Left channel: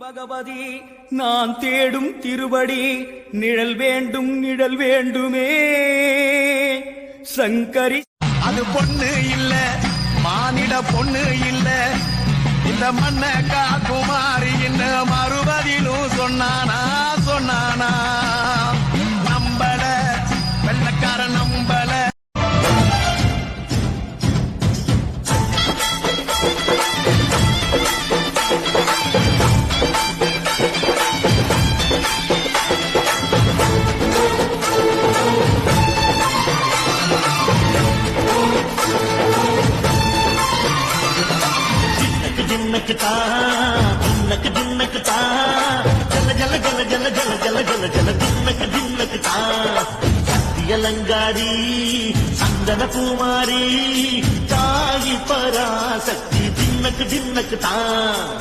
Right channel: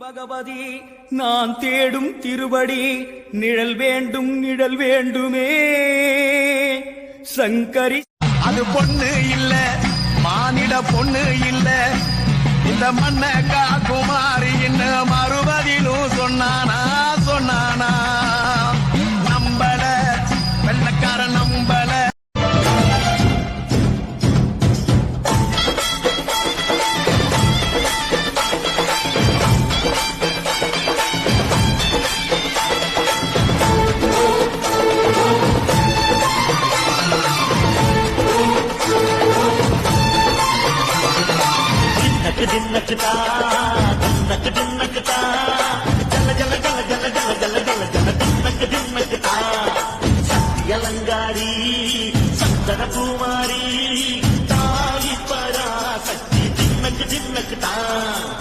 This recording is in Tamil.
பகவதி நான் தேடும் திருவடி நிழல் வேண்டும் நிழல் வேண்டுமே சங்கரி. அது பொண்ணு இல்ல மானிட பொண்ணு இல்ல இந்த மண்ண காக்குமாரி என்ன மறுபதிலும் சொன்னானா சொன்னானா நம்பல வெள்ளக்கார நம்பல. சத்தியலங்காரி சந்தன குமாரி தாயி பராசக்தி தின்னக்கு தின்னக்கு தான்